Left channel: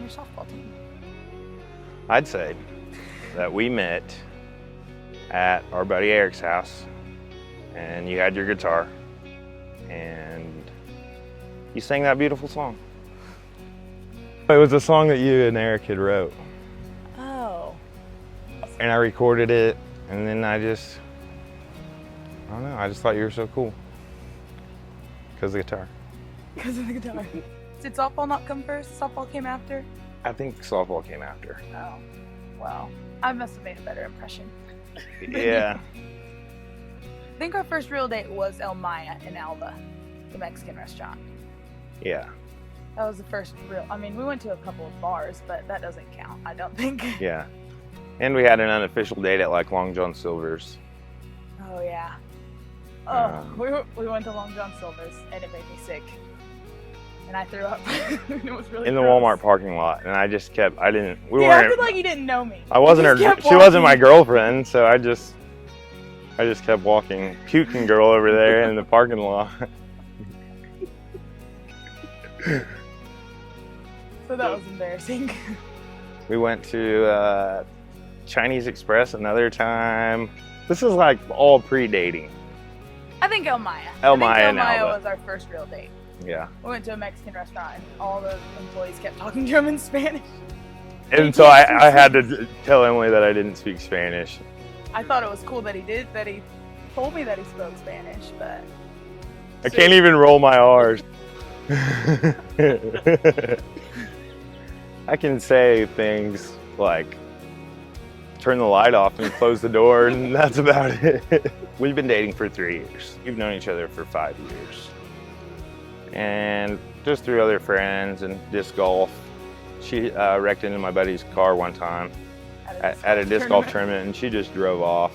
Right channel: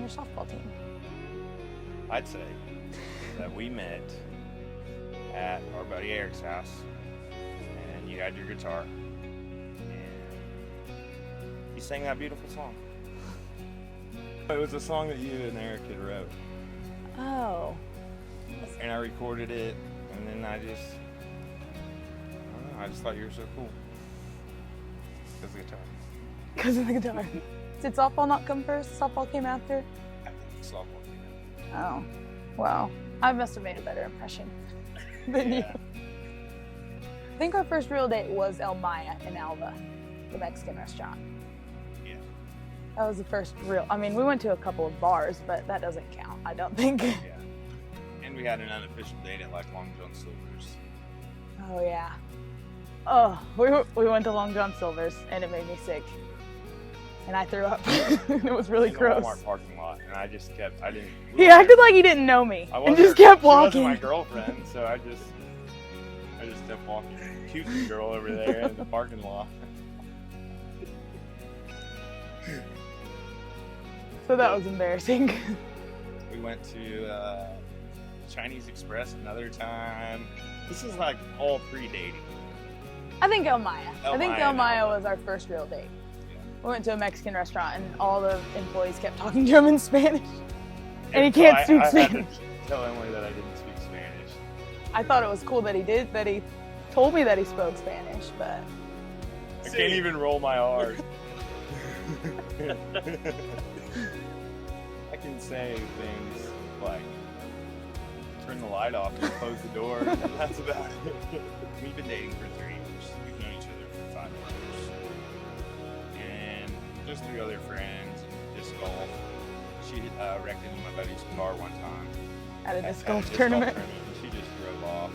your softball team? I'd say that we met at our buddy Eric's house, and you had your guitar, and you sang that beautiful song. It was a song that you and Eric had wrote. Oh. And I recorded it, and then I don't know, I just thought you were so cool. Because of the guitar. Because of the guitar. Did softball not come first? Softball came after? I think softball came after. Oh, well, I must have made a better impression. Yeah. I think our first real date was El Maya in Alva, the Mexican restaurant. Yeah. That was the first real, I mean, we went to a couple of bars, but that doesn't count, I don't think. Yeah. And we had an unofficial date at like Long John Silver's. Oh, yeah. Oh, we went to Long John Silver's, and it made me sick. And I threw up. It was really in the gross. Walmart parking lot, and I just kept, He acted like he didn't know me. I wasn't He her, just kept she wasn't my walking. girlfriend, so I just kept walking. Puking girl over there in the parking lot. So that was embarrassing. We went to Chinese Express another time. This is like all pre-dating. I think El Maya. El I think Maya El and Maya Alva. was our first real date. Yeah. We went to a Mexican restaurant and all the employees kept talking to him in Spanish. And so I had to tell Emily that I didn't speak Spanish. I thought it was cool that he did, that he told me that he spoke Spanish, but... I can't even roll my R's. I can say things like turn the light off and close the door, and that's about it. We've been dating for 3 years. We've known each other for 5 years. And just through other friends and disc golf. She wrecked into my buddy's car one time at a disc golf tournament, and she just drove off.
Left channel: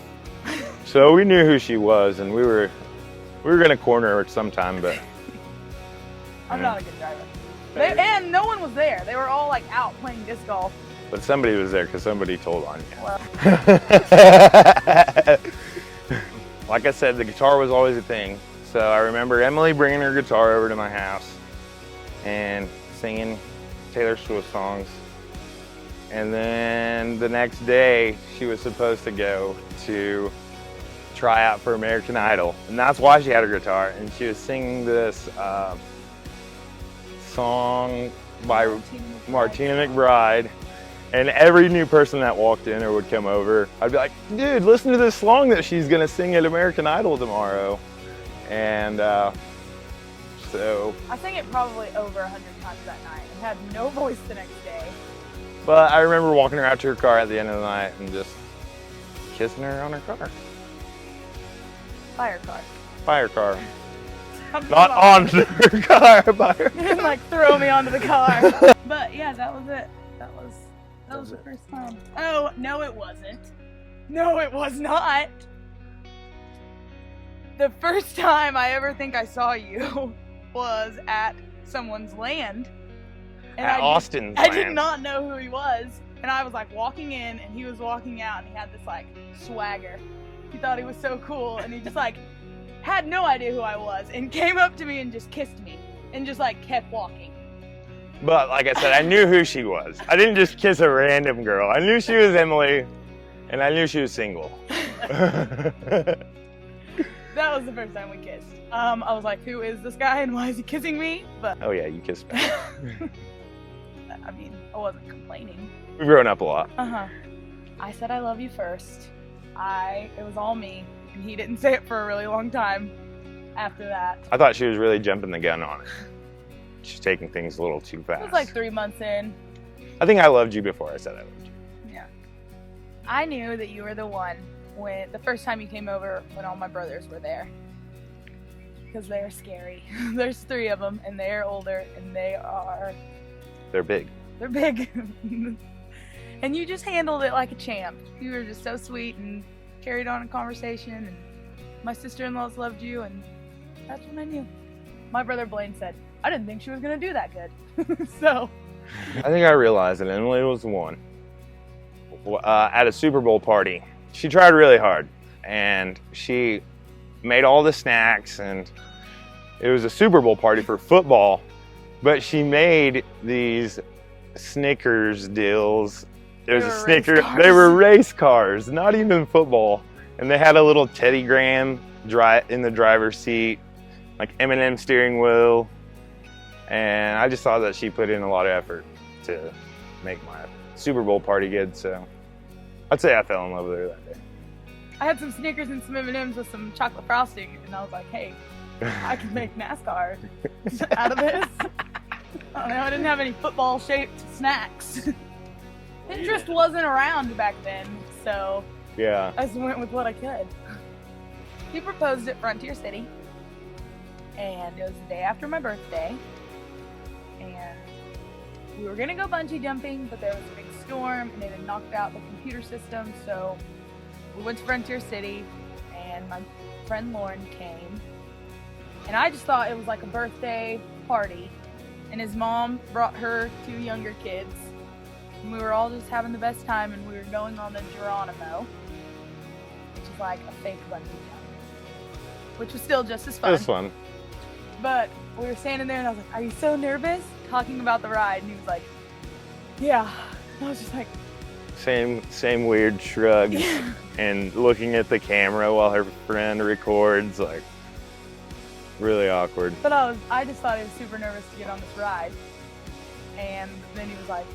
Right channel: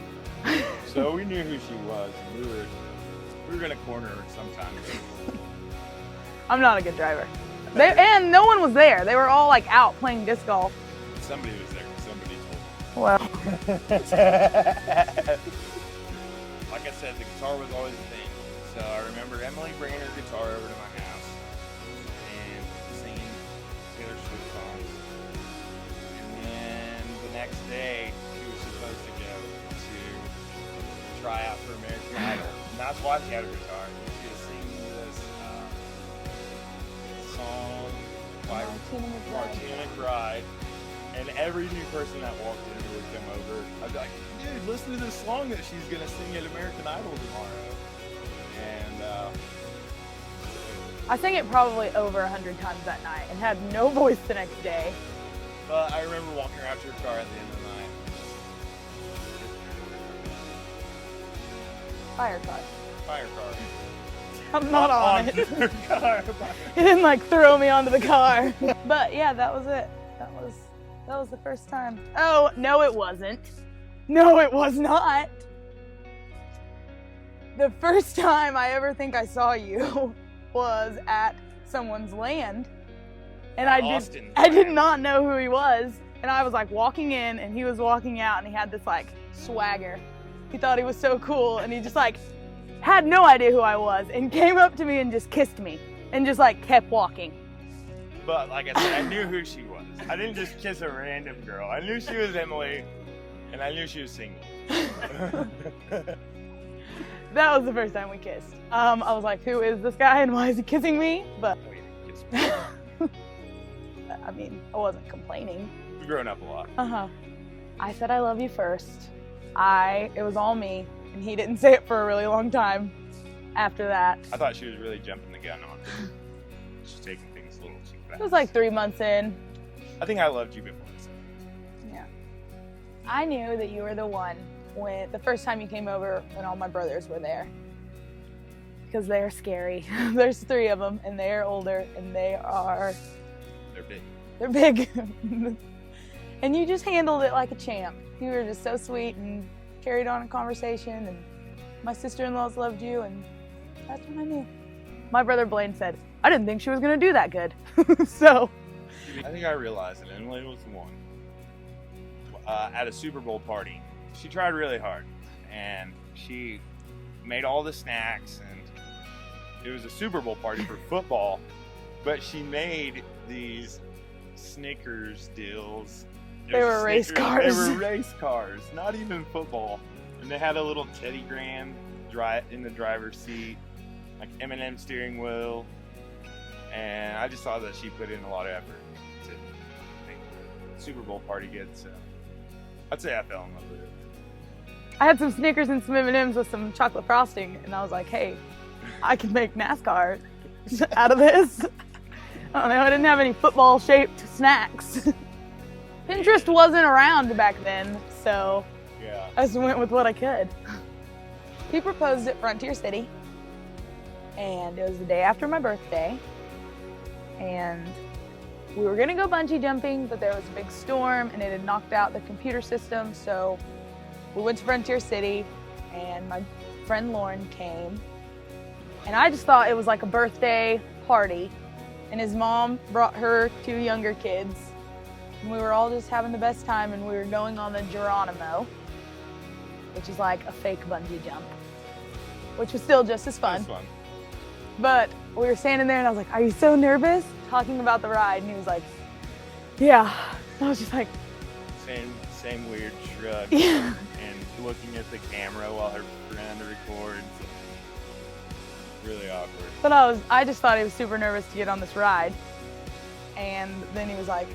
So we knew who she was, and we were gonna corner her sometime, but I'm not a good driver. And no one was there. They were all like out playing disc golf. but somebody was there because somebody told on me. Well, Like I said, the guitar was always a thing. So I remember Emily bringing her guitar over to my house and singing Taylor Swift songs. And then the next day, she was supposed to go to try out for American Idol. And that's why she had her guitar. And she was singing this song by Martina McBride. And every new person that walked in or would come over, I'd be like, dude, listen to this song that she's gonna sing at American Idol tomorrow. And so. I sang it probably over 100 times that night and had no voice the next day. But I remember walking her out to her car at the end of the night and just kissing her on her car. Fire car. By her car. I'm Not on her car, by her. He didn't like throw me onto the car. But yeah, that was it. That was the first time. Oh, no it wasn't. No, it was not. The first time I ever think I saw you was at someone's land. And At Austin's I did land. not know who he was. And I was like walking in and he was walking out and he had this like swagger. He thought he was so cool and he just like had no idea who I was and came up to me and just kissed me and just like kept walking. But like I said, I knew who she was. I didn't just kiss a random girl. I knew she was Emily, and I knew she was single. That was the first time we kissed. I was like, who is this guy and why is he kissing me? But Oh yeah, you kissed me. I mean, I wasn't complaining. We've grown up a lot. I said I love you first. It was all me, and he didn't say it for a really long time after that. I thought she was really jumping the gun on it. She's taking things a little too fast. It was like 3 months in. I think I loved you before I said I loved you. Yeah. I knew that you were the one when the first time you came over when all my brothers were there. Because they're scary. There's 3 of them, and they're older, and They're big. they're big. And you just handled it like a champ. You were just so sweet and carried on a conversation, and my sister-in-laws loved you, and that's when I knew. My brother Blaine said, I didn't think she was gonna do that good. So. I think I realized that Emily was the one. At a Super Bowl party, she tried really hard, and she made all the snacks, and it was a Super Bowl party for football, but she made these Snickers deals. There was They a were race Snicker. cars. They were race cars, not even football. And they had a little Teddy Graham in the driver's seat, like M&M steering wheel. And I just saw that she put in a lot of effort to make my Super Bowl party good. So I'd say I fell in love with her that day. I had some Snickers and some M&Ms with some chocolate frosting, and I was like, hey, I can make NASCAR out of this. I don't know, I didn't have any football-shaped snacks. Pinterest wasn't around back then, so Yeah. I just went with what I could. He proposed at Frontier City, and it was the day after my birthday, and we were gonna go bungee jumping, but there was a big storm, and it had knocked out the computer system, so we went to Frontier City, and my friend Lauren came, and I just thought it was like a birthday party, and his mom brought her 2 younger kids, and we were all just having the best time, and we were going on the Geronimo, which is like a fake bungee jump, which was still just as fun. It was fun. But we were standing there, and I was like, are you so nervous? Talking about the ride, and he was like, yeah. I was just like, Same weird shrug. yeah. And looking at the camera while her friend records, like, really awkward. But I just thought he was super nervous to get on this ride. And then he was like,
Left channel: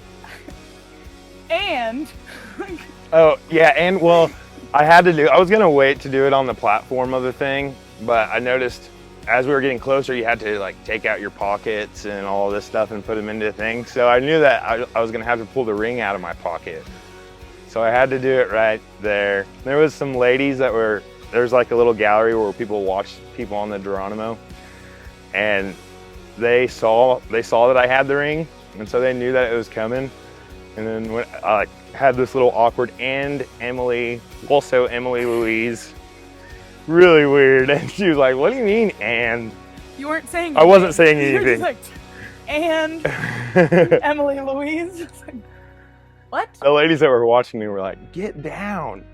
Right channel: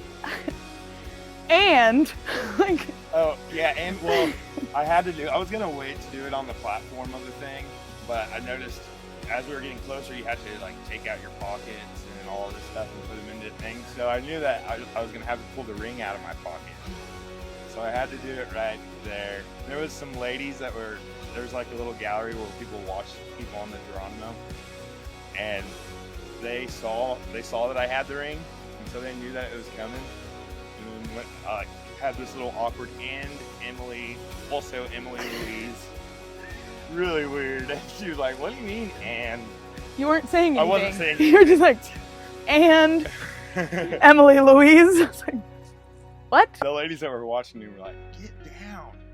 and, like, Oh, yeah, and well, I was gonna wait to do it on the platform of the thing, but I noticed as we were getting closer, you had to like take out your pockets and all this stuff and put them into the thing. So I knew that I was gonna have to pull the ring out of my pocket. So I had to do it right there. There was some ladies there's like a little gallery where people watch people on the Geronimo, and they saw that I had the ring, and so they knew that it was coming. And then when I had this little awkward, and Emily Louise, really weird, and she was like, what do you mean, and? you weren't saying anything. I wasn't saying anything. You were just like, and Emily Louise. I was like, what? The ladies that were watching me were like, get down,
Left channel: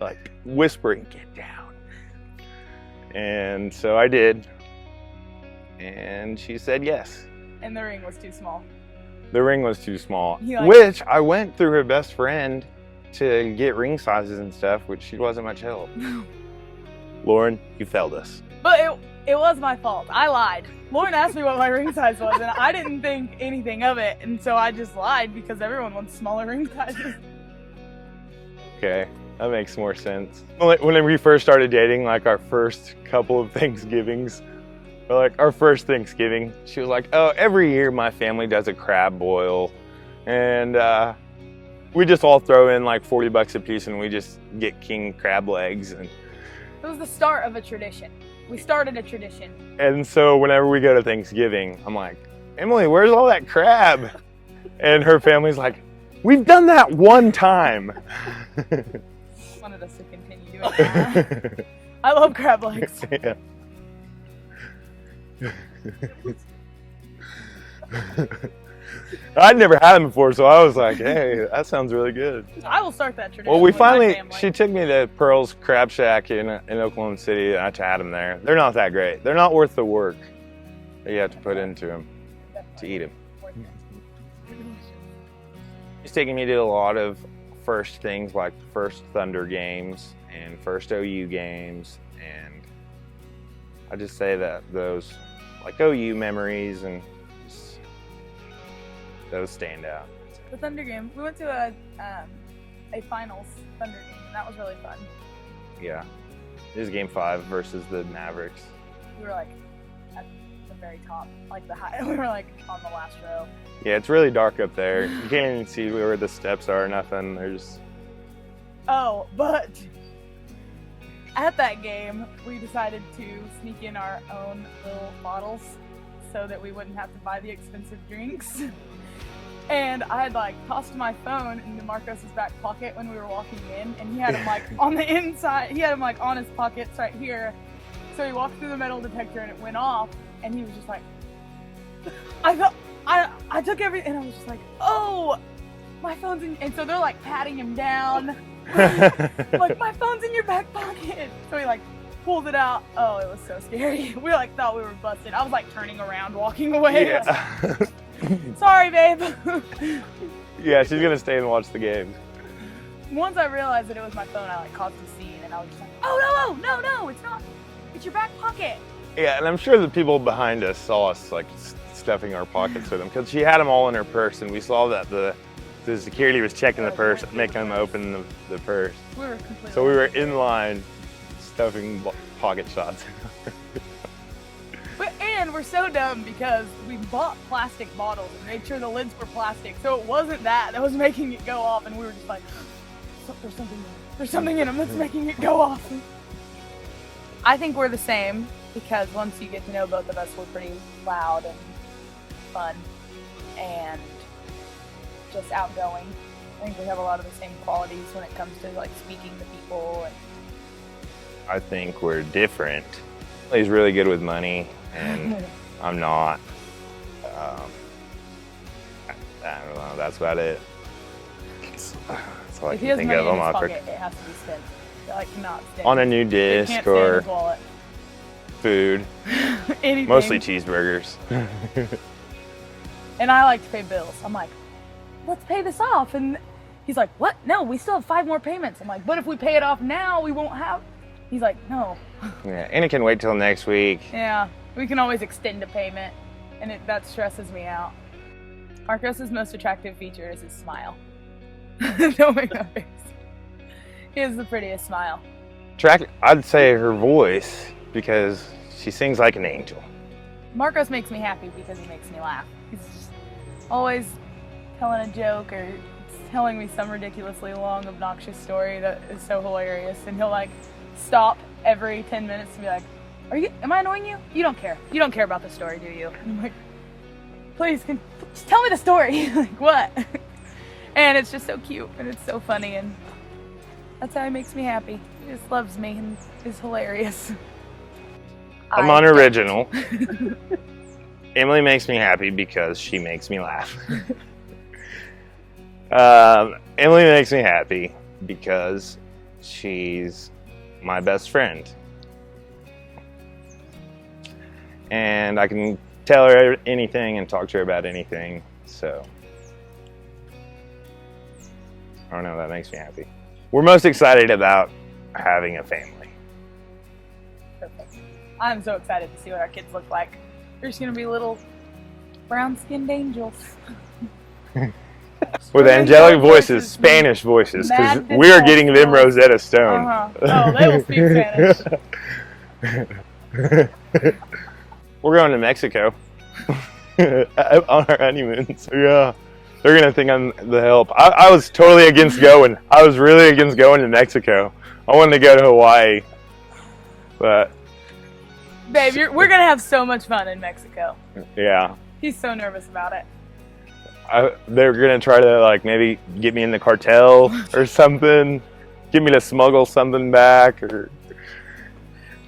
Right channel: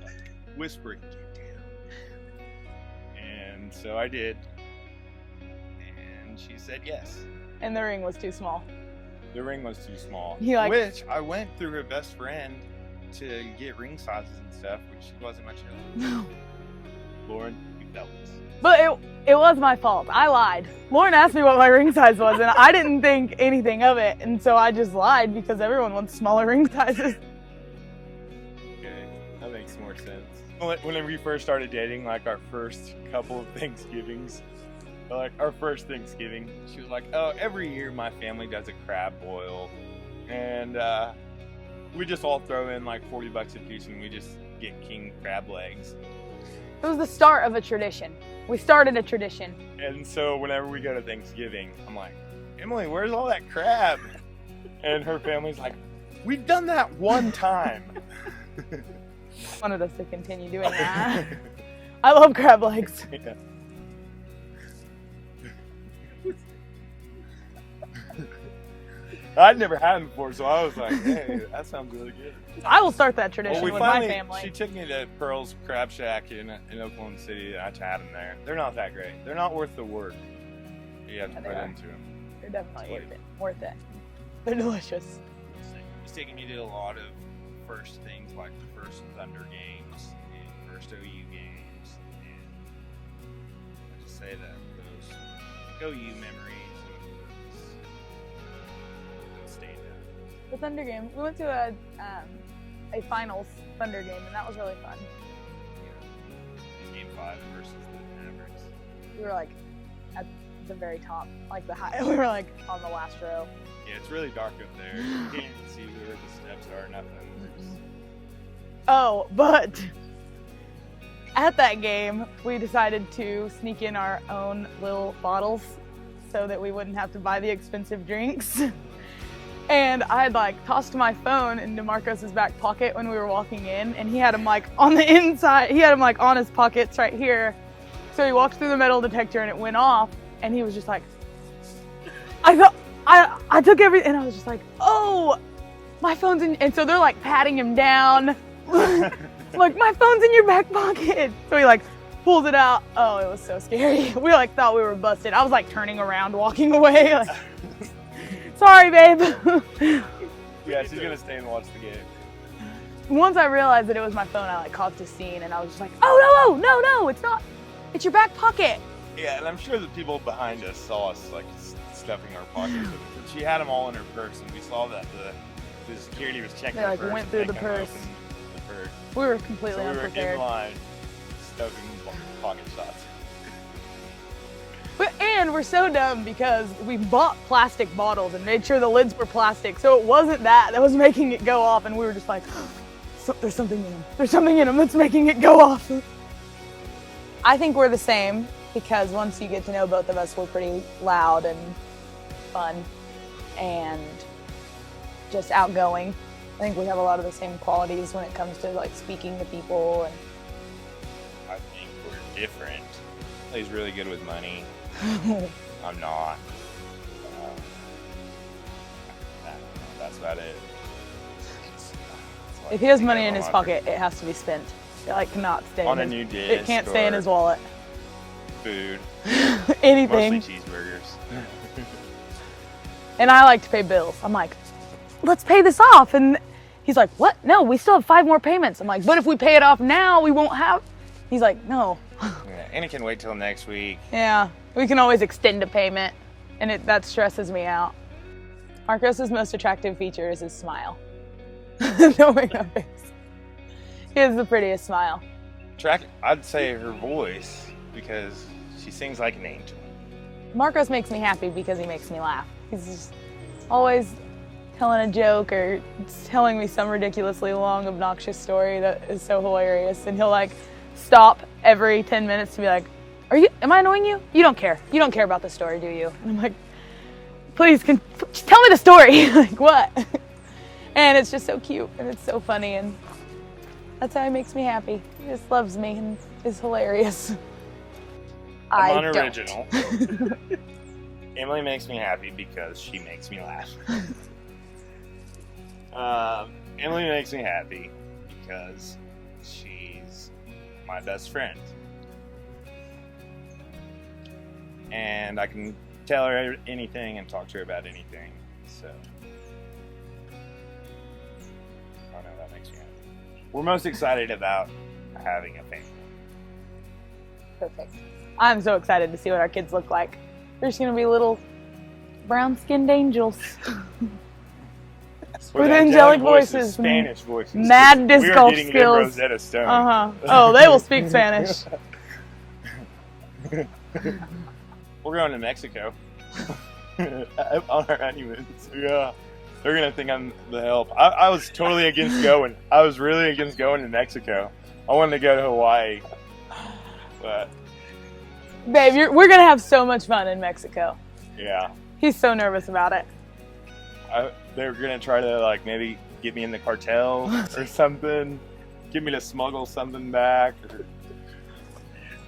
like whispering, get down. And so I did, and she said yes. And the ring was too small. The ring was too small, He like- which I went through her best friend to get ring sizes and stuff, which she wasn't much help. Lauren, you failed us. But it was my fault. I lied. Lauren asked me what my ring size was, and I didn't think anything of it, and so I just lied because everyone wants smaller ring sizes. Okay, that makes more sense. When we first started dating, like our first couple of Thanksgivings, or like our first Thanksgiving, she was like, oh, every year my family does a crab boil, and we just all throw in like $40 a piece, and we just get king crab legs. And It was the start of a tradition. We started a tradition. And so whenever we go to Thanksgiving, I'm like, Emily, where's all that crab? And her family's like, we've done that one time. Wanted us to continue doing that. I love crab legs. Yeah. I'd never had them before, so I was like, hey, that sounds really good. I will start that tradition Well, we with my finally, family. she took me to Pearl's Crab Shack in Oklahoma City, and I had them there. They're not that great. They're not worth the work that you have to put into them. They're definitely to eat worth it. They're delicious. It's taking me to a lot of first things like first Thunder games and first OU games, and I just say that those like OU memories and those stand out. The Thunder game. We went to a finals Thunder game, and that was really fun. Yeah, this is game 5 versus the Mavericks. We were like at the very top, like the high. We were like on the last row. Yeah, it's really dark up there. You can't even see where the steps are or nothing. There's Oh, but at that game, we decided to sneak in our own little bottles so that we wouldn't have to buy the expensive drinks. And I had like tossed my phone into Marcos's back pocket when we were walking in, and he had him like on the inside. He had him like on his pockets right here. So he walked through the metal detector and it went off, and he was just like, I took everything, and I was just like, oh, my phone's in, and so they're like patting him down. Like, my phone's in your back pocket. So he like pulls it out. Oh, it was so scary. We like thought we were busted. I was like turning around, walking away. yeah. Sorry, babe. Yeah, she's gonna stay and watch the game. Once I realized that it was my phone, I like caused a scene, and I was just like, oh no, it's not. It's your back pocket. Yeah, and I'm sure the people behind us saw us like stuffing our pockets with them because she had them all in her purse, and we saw that the security was checking the purse, making them open the purse. We were completely. So we were in line stuffing pocket shots. And we're so dumb because we bought plastic bottles and made sure the lids were plastic, so it wasn't that was making it go off, and we were just like, there's something in them. There's something in them that's making it go off. I think we're the same because once you get to know both of us, we're pretty loud and fun and just outgoing. I think we have a lot of the same qualities when it comes to like speaking to people. And I think we're different. He's really good with money. I'm not. I don't know. That's about it. If he has money in his pocket, it has to be spent. It like cannot stay on a new disc. It can't stay in his wallet. Food. Anything. Mostly cheeseburgers. And I like to pay bills. I'm like, let's pay this off. And he's like, what? No, we still have 5 more payments. I'm like, but if we pay it off now, we won't have. He's like, no. Yeah, and it can wait till next week. Yeah, we can always extend a payment, and that stresses me out. Marcos's most attractive feature is his smile. No way, no face. He has the prettiest smile. I'd say her voice because she sings like an angel. Marcos makes me happy because he makes me laugh. He's just always telling a joke or telling me some ridiculously long, obnoxious story that is so hilarious, and he'll like stop every 10 minutes to be like, am I annoying you? You don't care. You don't care about the story, do you? And I'm like, please, just tell me the story. Like, what? And it's just so cute, and it's so funny, and that's how he makes me happy. He just loves me and is hilarious. I'm unoriginal. Emily makes me happy because she makes me laugh. Emily makes me happy because she's my best friend. And I can tell her anything and talk to her about anything, so I don't know, that makes me happy. We're most excited about having a family. Perfect. I'm so excited to see what our kids look like. They're just gonna be little brown-skinned angels. With angelic voices, Spanish voices. We are getting them Rosetta Stone. Oh, they will speak Spanish. We're going to Mexico on our honeymoon. So yeah, they're gonna think I'm the help. I was totally against going. I was really against going to Mexico. I wanted to go to Hawaii, but babe, we're gonna have so much fun in Mexico. Yeah. He's so nervous about it. They're gonna try to like maybe get me in the cartel or something, get me to smuggle something back or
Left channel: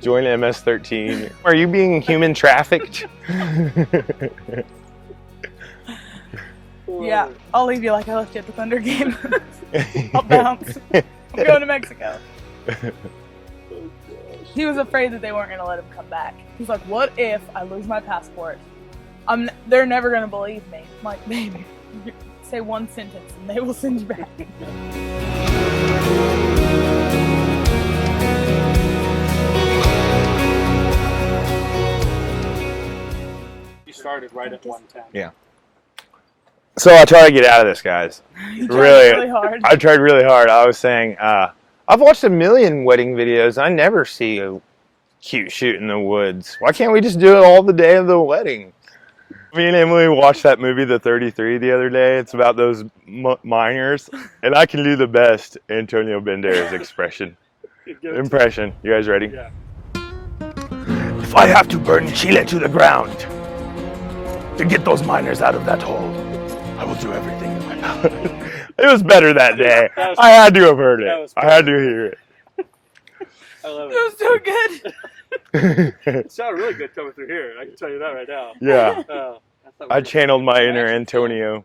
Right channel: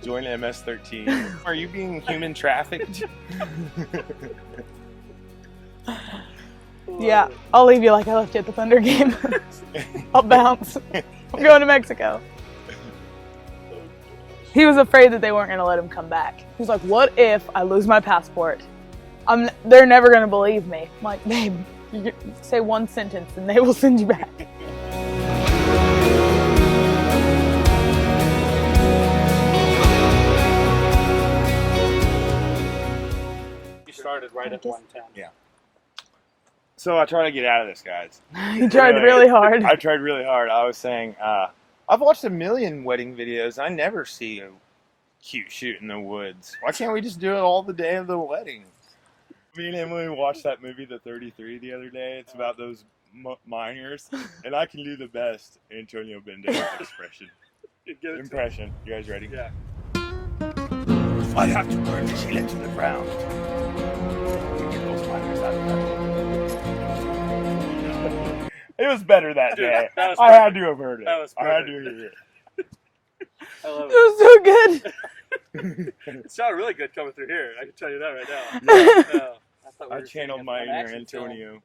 join MS-13. Are you being human trafficked? Yeah, I'll leave you like I left you at the Thunder game. I'll bounce. I'm going to Mexico. He was afraid that they weren't going to let him come back. He was like, what if I lose my passport? They're never going to believe me. I'm like, babe, you say one sentence and they will send you back. You started right at 110. Yeah. So I try to get out of this, guys. You tried really hard. I tried really hard. I was saying, I've watched a million wedding videos. I never see a cute shoot in the woods. Why can't we just do it all the day of the wedding? Me and Emily watched that movie, The 33, the other day. It's about those miners. And I can do the best Antonio Banderas impression. You guys ready? Yeah. If I have to burn Chile to the ground to get those miners out of that hole, I will do everything. It was better that day. I had to have heard it. I had to hear it. I love It was so good. It sounded really good coming through here. I can tell you that right now. Yeah. I thought I channeled my inner Antonio.